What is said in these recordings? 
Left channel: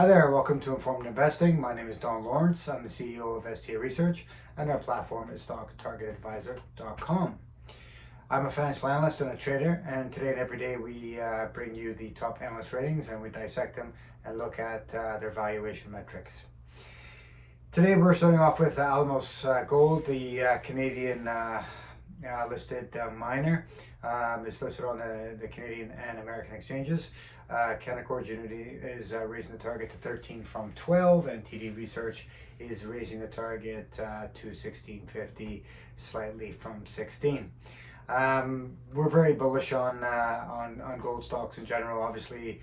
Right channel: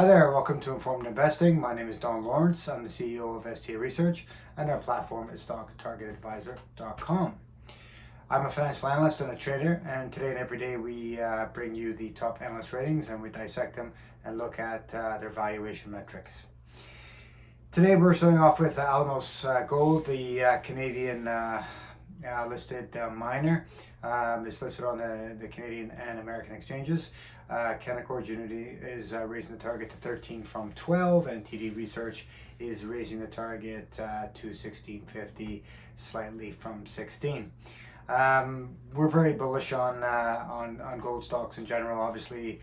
Hi there, welcome to Informed Investing. My name is Don Lawrence. I'm the CEO of STA Research, and our platform is StockTargetAdvisor.com. I'm a financial analyst and a trader, and today and every day we bring you the top analyst ratings and we dissect them and look at their valuation metrics. Today we're starting off with Alamos Gold, the Canadian listed miner. It's listed on the Canadian and American exchanges. Canaccord Genuity is raising the target to 13 from 12, and TD Research is raising the target to 1650, slightly from 16. We're very bullish on gold stocks in general. Obviously,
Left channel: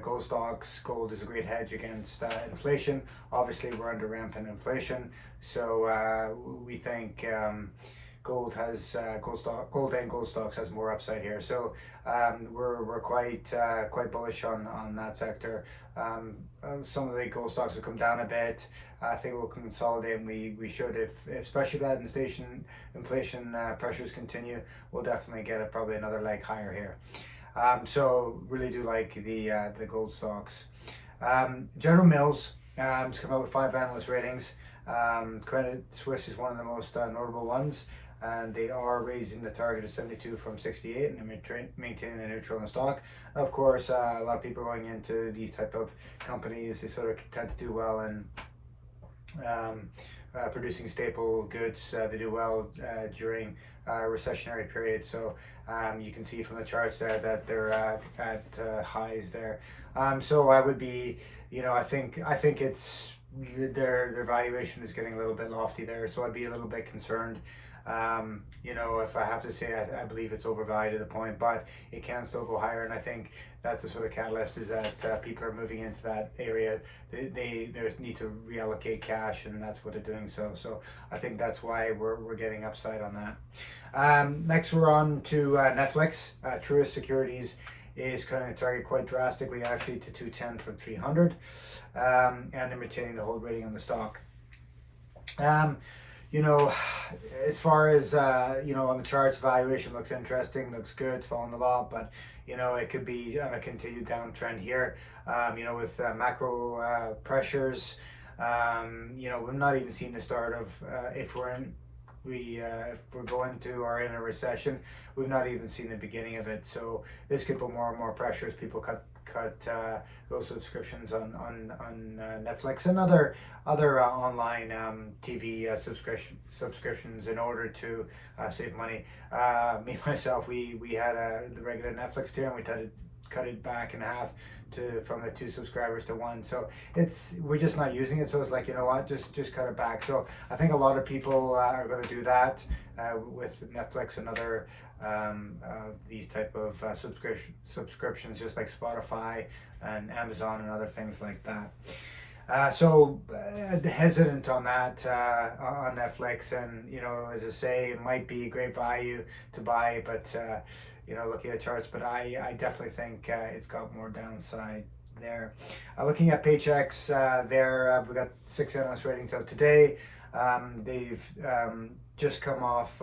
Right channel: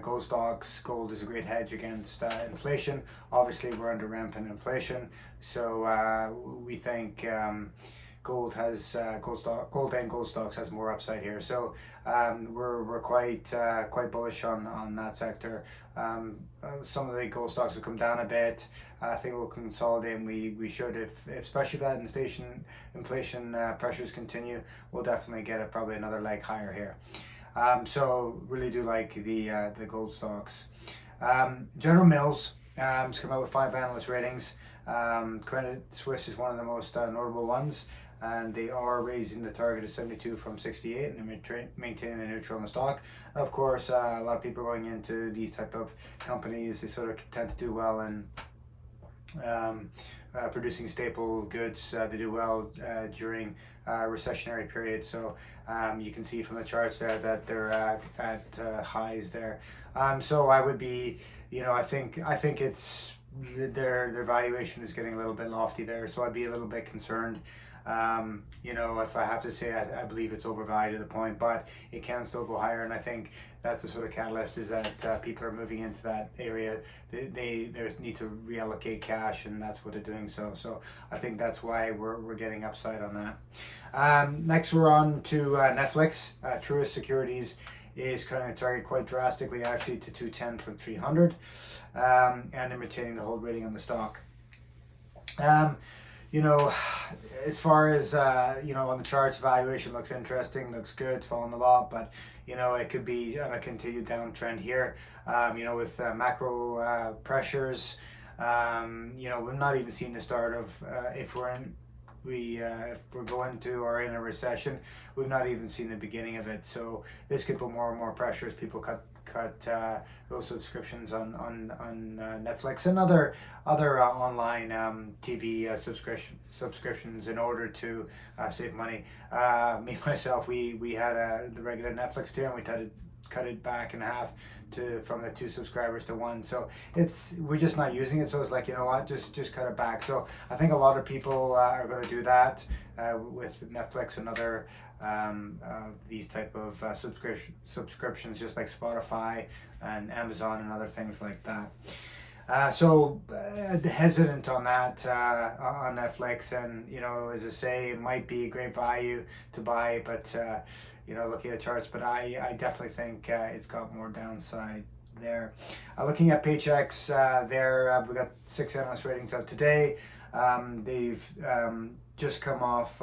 gold is a great hedge against inflation. Obviously, we're under rampant inflation, so we think gold and gold stocks has more upside here. So we're quite bullish on that sector. Some of the gold stocks have come down a bit. I think we'll consolidate, and we should, if especially that inflation pressures continue, we'll definitely get probably another leg higher here. So really do like the gold stocks. General Mills has come out with 5 analyst ratings. Credit Suisse is one of the most notable ones, and they are raising the target to 72 from 68, and they're maintaining the neutral in the stock. Of course, a lot of people going into these type of companies, they sort of tend to do well in producing staple goods. They do well during recessionary periods. So you can see from the charts there that they're at highs there. So I would be, I think it's their valuation is getting a little bit lofty there. So I'd be a little bit concerned. If I have to say, I believe it's overvalued at the point, but it can still go higher. And I think that's the sort of catalyst, is that people are moving into that area. They need to reallocate cash, and that's what they're doing. So I think that's why we're getting upside on that. Next, we're on to NFLX. Truist Securities is cutting the target quite drastically, actually, to 210 from 300, and they're maintaining the hold rating on the stock. As far as, on the charts, valuation looks interesting, looks good, it's fallen a lot, but, it could be on a continued downtrend here, with macro pressures. We've not even seen the start of, if we're going to or in a recession, we've not even seen the beginning of it. So this could put more and more pressure as people cut those subscriptions on Netflix and other online TV subscriptions in order to save money. Myself, we had the regular Netflix tier, and we cut it back in half from the 2 subscribers to 1. So we're just not using it. So it's like, just cut it back. So I think a lot of people are going to do that with Netflix and other these type of subscriptions, just like Spotify and Amazon and other things like that. So hesitant on that on Netflix, and as I say, it might be a great value to buy, but looking at charts, but I definitely think it's got more downside there. Looking at Paychex, we got 6 analyst ratings out today. They've just come off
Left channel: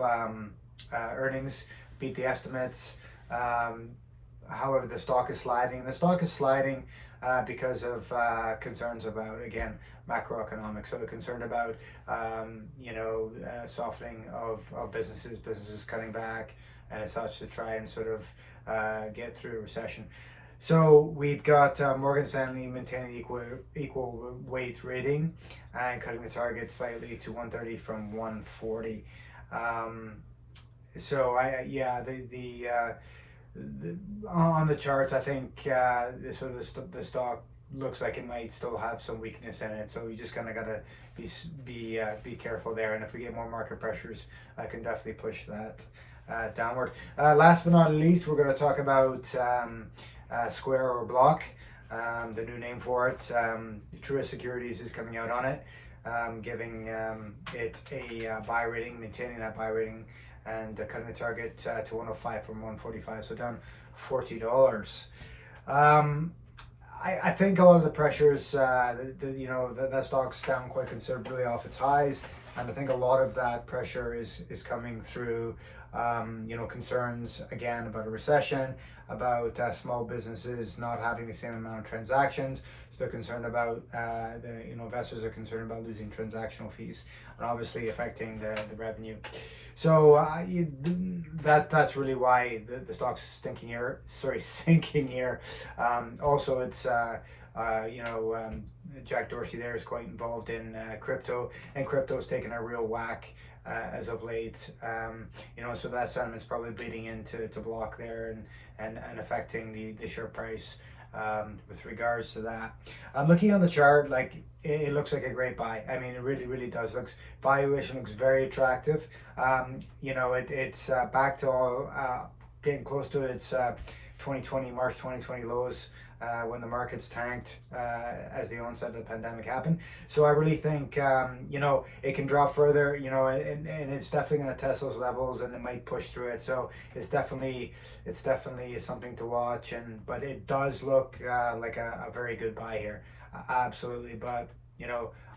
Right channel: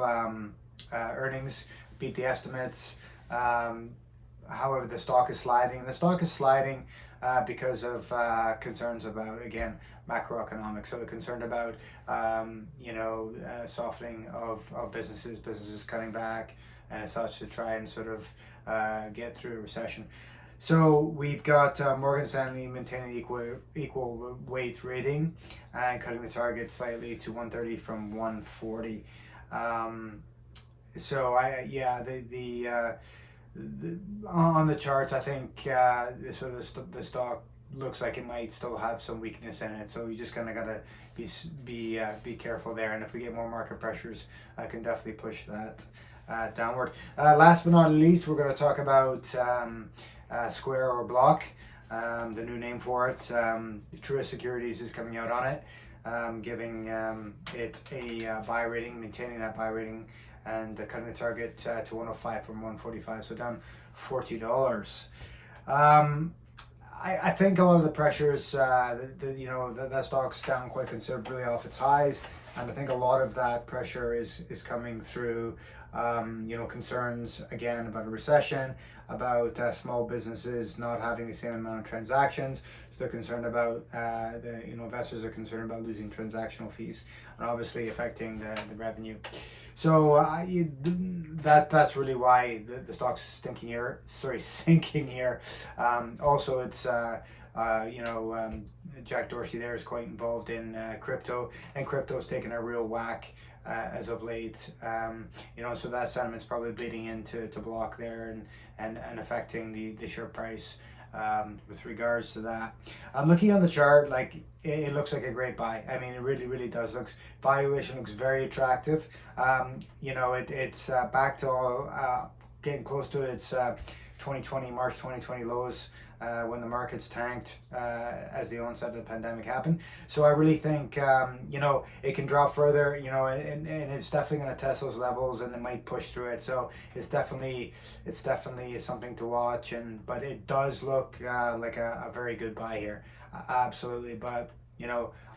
earnings, beat the estimates. However, the stock is sliding. The stock is sliding because of concerns about, again, macroeconomics. So they're concerned about, softening of businesses cutting back and as such, to try and sort of get through a recession. So we've got Morgan Stanley maintaining equal weight rating and cutting the target slightly to 130 from 140. On the charts, I think the stock looks like it might still have some weakness in it. So you just kind of gotta be careful there. And if we get more market pressures, I can definitely push that downward. Last but not least, we're going to talk about Square or Block, the new name for it. Truist Securities is coming out on it, giving it a buy rating, maintaining that buy rating, and cutting the target to 105 from 145, so down $40. I think a lot of the pressures, that stock's down quite considerably off its highs. and I think a lot of that pressure is coming through concerns again about a recession, about small businesses not having the same amount of transactions. So they're concerned about investors are concerned about losing transactional fees, and obviously affecting the revenue. So that's really why the stock's sinking here. Also, it's Jack Dorsey there is quite involved in crypto, and crypto's taken a real whack as of late. So that sentiment's probably bleeding into block there and affecting the share price with regards to that. Looking on the chart, like it looks like a great buy. I mean, it really does. Valuation looks very attractive. It's back to getting close to its March 2020 lows. When the markets tanked as the onset of the pandemic happened. So I really think it can drop further, and it's definitely going to test those levels, and it might push through it. So it's definitely something to watch, but it does look like a very good buy here, absolutely. But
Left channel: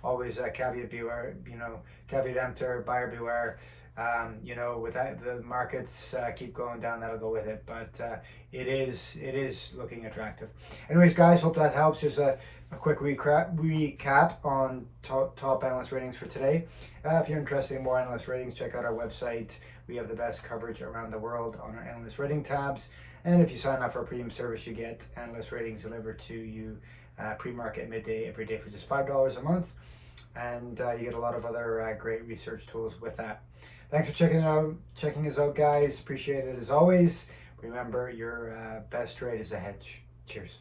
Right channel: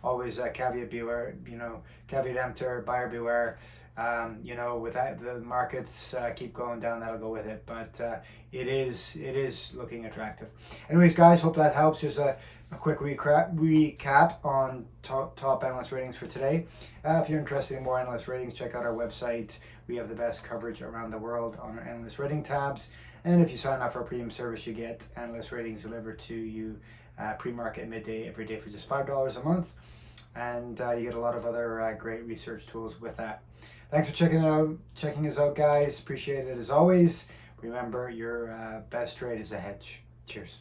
always caveat beware, caveat emptor, buyer beware. With that, the markets keep going down, that'll go with it. But it is looking attractive. Anyways, guys, hope that helps. Just a quick recap on top analyst ratings for today. If you're interested in more analyst ratings, check out our website. We have the best coverage around the world on our analyst rating tabs. And if you sign up for a premium service, you get analyst ratings delivered to you pre-market midday every day for just $5 a month. And you get a lot of other great research tools with that. Thanks for checking us out, guys. Appreciate it as always. Remember, your best trade is a hedge. Cheers.